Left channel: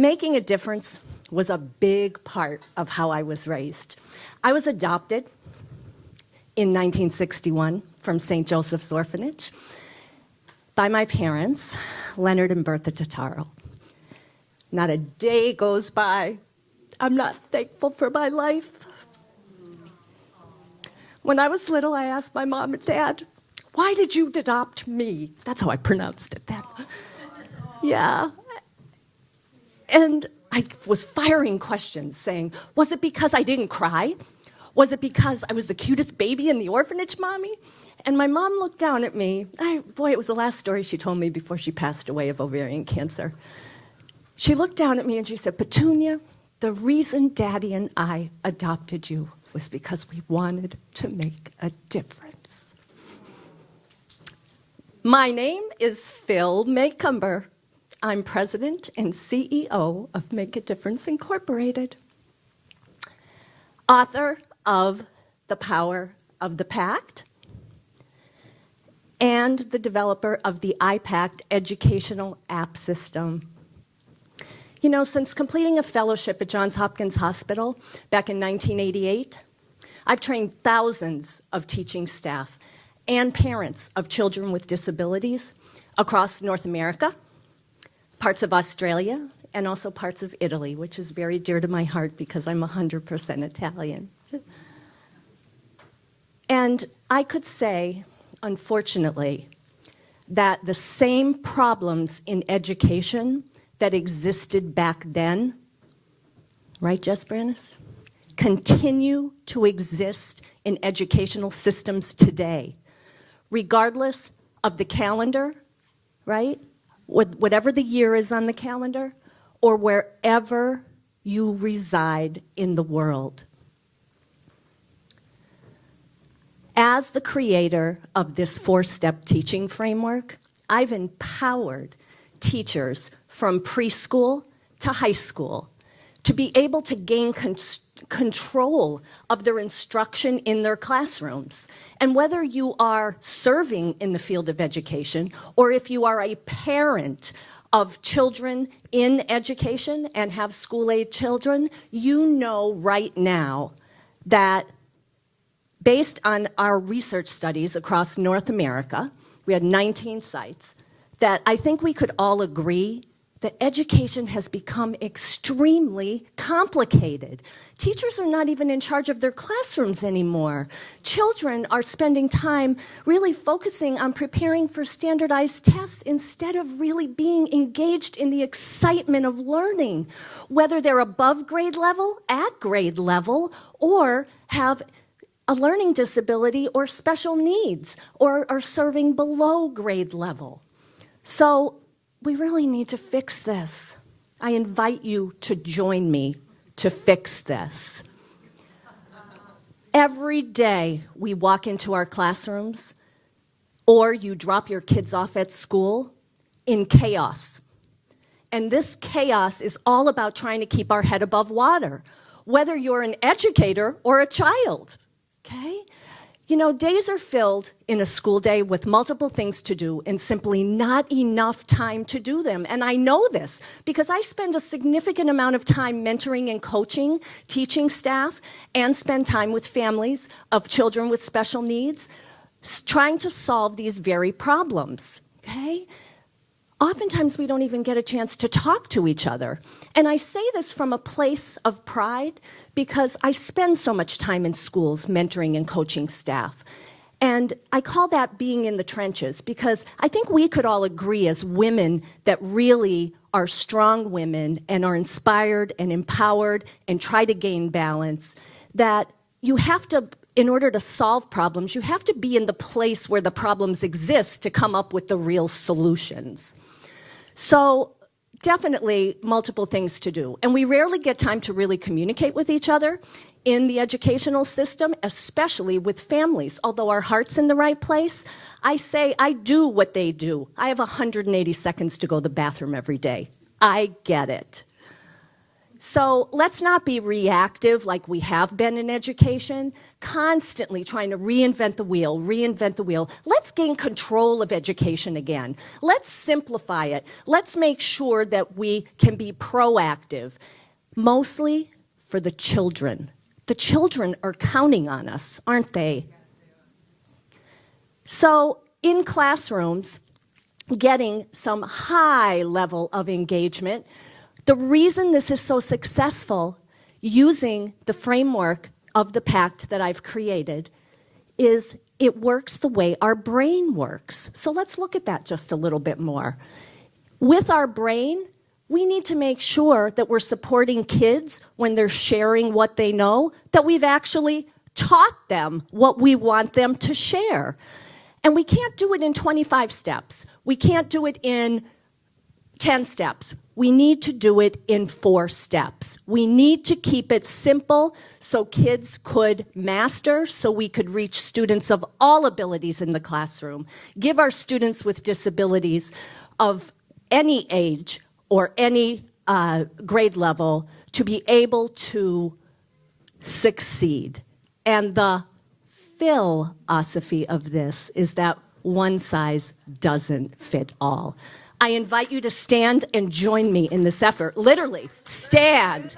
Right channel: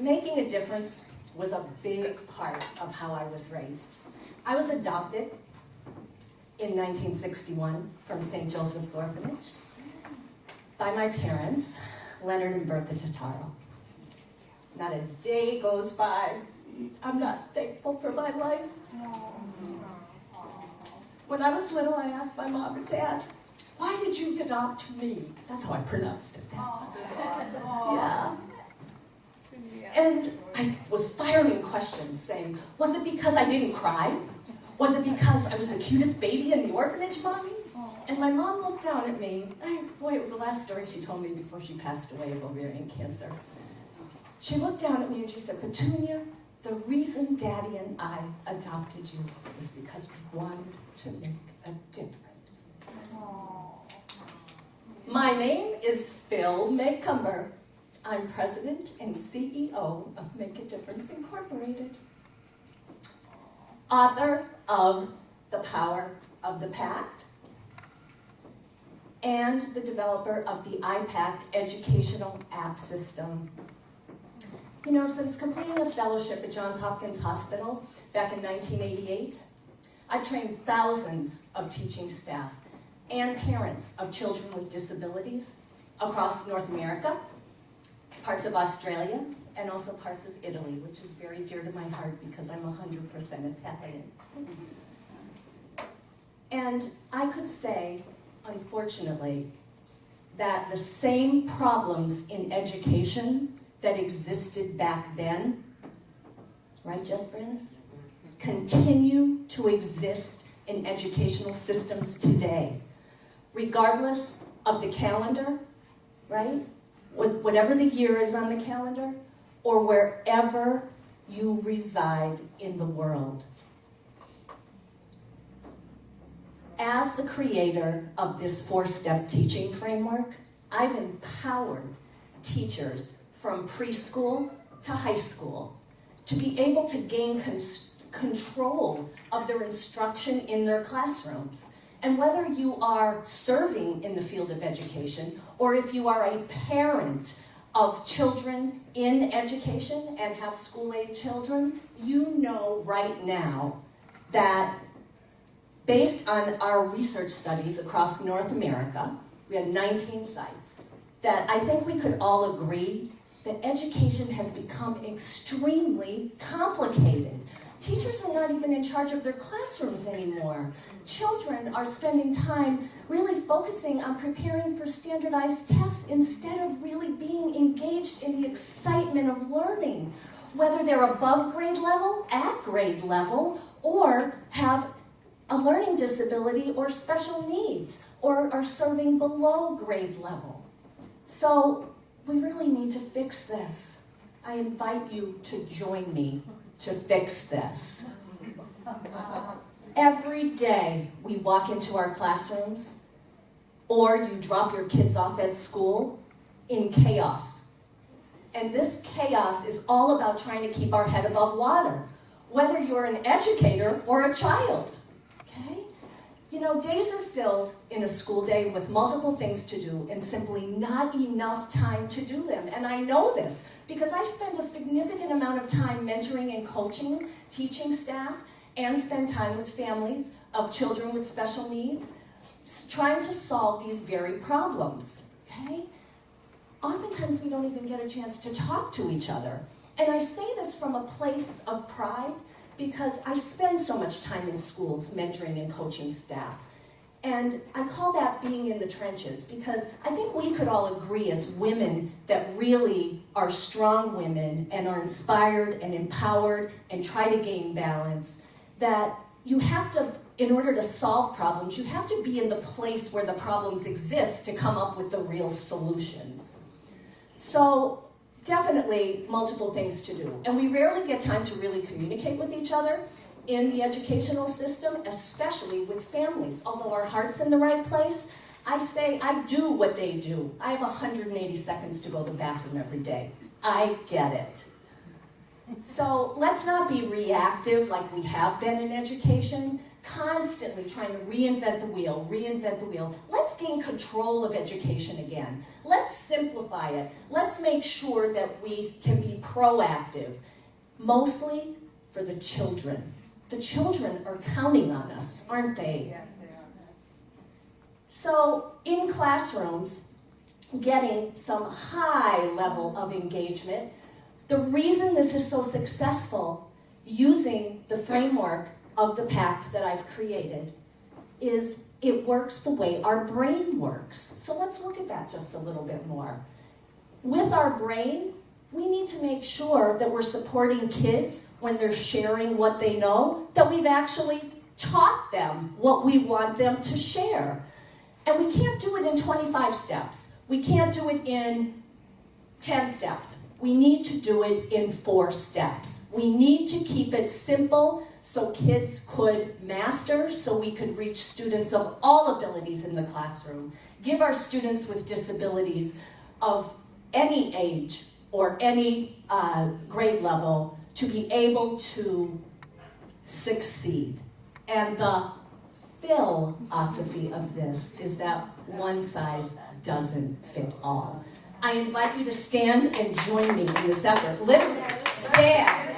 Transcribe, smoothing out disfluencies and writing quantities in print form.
making a difference was a big part of how I was raised. I was adopted in 1961 from St. Joseph's Orphanage by my parents, Leonard and Bertha Totaro. Not a day goes by I'm not thankful for my life. When I was little, I asked my mom and dad, why did you adopt me? That's how I pronounced it then. Yeah. And I was firing questions saying, was it because I didn't cry? Was it because I was the cutest baby in the orphanage, Mommy? And my mom looked down at me. Boy, it was the last story she told me before she passed away of ovarian cancer. She looked down at me and she said, Petunia, the reason Daddy and I adopted you was because we wanted to make a difference. My name is Phyl Macomber. I'm president and CEO of Make a Difference Incorporated. Author of The Power of the Pact, and the developer of the T.H.E.P.A.C.T educational app system. You know, since completing a fellowship at Johns Hopkins Hospital back in 1988, I've trained thousands of teaching staff and parents of children with disabilities across North America, parts of Australia, and also parts of Italy, which is very dear to my heart because I'm 100% Italian. And I could say, unfortunately, that the same problems in education that existed back then, right, Jess Brannis, continue to exist in educational systems today, regardless of the calendar, right? Whatever the year is on the calendar, or wherever you reside in the world. As the creator of this 4-step teaching framework, I've empowered teachers from preschool to high school to be able to gain control of their instruction in their classrooms. And whether you are serving in the field of education, or if you are a parent of children in education and have school-age children, you know right now that based on our research studies across North America, we had 19 sites, that I think we could all agree that education has become extremely complicated. Teachers are not even in charge of their classrooms anymore. Children are spending time really focusing on preparing for standardized tests instead of really being engaged in the excitement of learning, whether they're above grade level, at grade level, or have a learning disability or special needs, or are serving below grade level. So we really need to fix this. I invite you to join me to fix this. Every day we walk into our classrooms, or you drop your kids off at school in chaos. And this chaos is all about trying to keep our head above water, whether you're an educator or a child, okay? You know, days are filled in a school day with multiple things to do and simply not enough time to do them. And I know this because I spend a significant amount of time mentoring and coaching, teaching staff, and spend time with families of children with special needs, trying to solve these very problems, okay? Oftentimes we don't even get a chance to talk to each other. And I say this from a place of pride because I spend so much time in schools mentoring and coaching staff. And I call that being in the trenches because I think we could all agree as women that really are strong women and are inspired and empowered and try to gain balance, that you have to, in order to solve problems, you have to be in the place where the problems exist to come up with the real solutions. So definitely multiple things to do. And we rarely get time to really communicate with each other in the educational system, especially with families. Although our heart's in the right place, I say I do what they do. I have 180 seconds to go to the bathroom every day. I get it. So let's not be reactive like we have been in education. constantly trying to reinvent the wheel, reinvent the wheel. Let's gain control of education again. Let's simplify it. Let's make sure that we can be proactive, mostly for the children. The children are counting on us, aren't they? Yes, they are. So in classrooms, getting some high level of engagement, the reason this is so successful using the framework of the P.A.C.T that I've created is it works the way our brain works. So let's look at that just a little bit more. With our brain, we need to make sure that we're supporting kids when they're sharing what they know, that we've actually taught them what we want them to share. And we can't do it in 25 steps. We can't do it in 10 steps. We need to do it in 4 steps. We need to keep it simple so kids could master, so we could reach students of all abilities in the classroom. Give our students with disabilities of any age or any grade level to be able to succeed. And the philosophy of this is that one size doesn't fit all. I invite you to stand and join me in this effort. Literally, stand.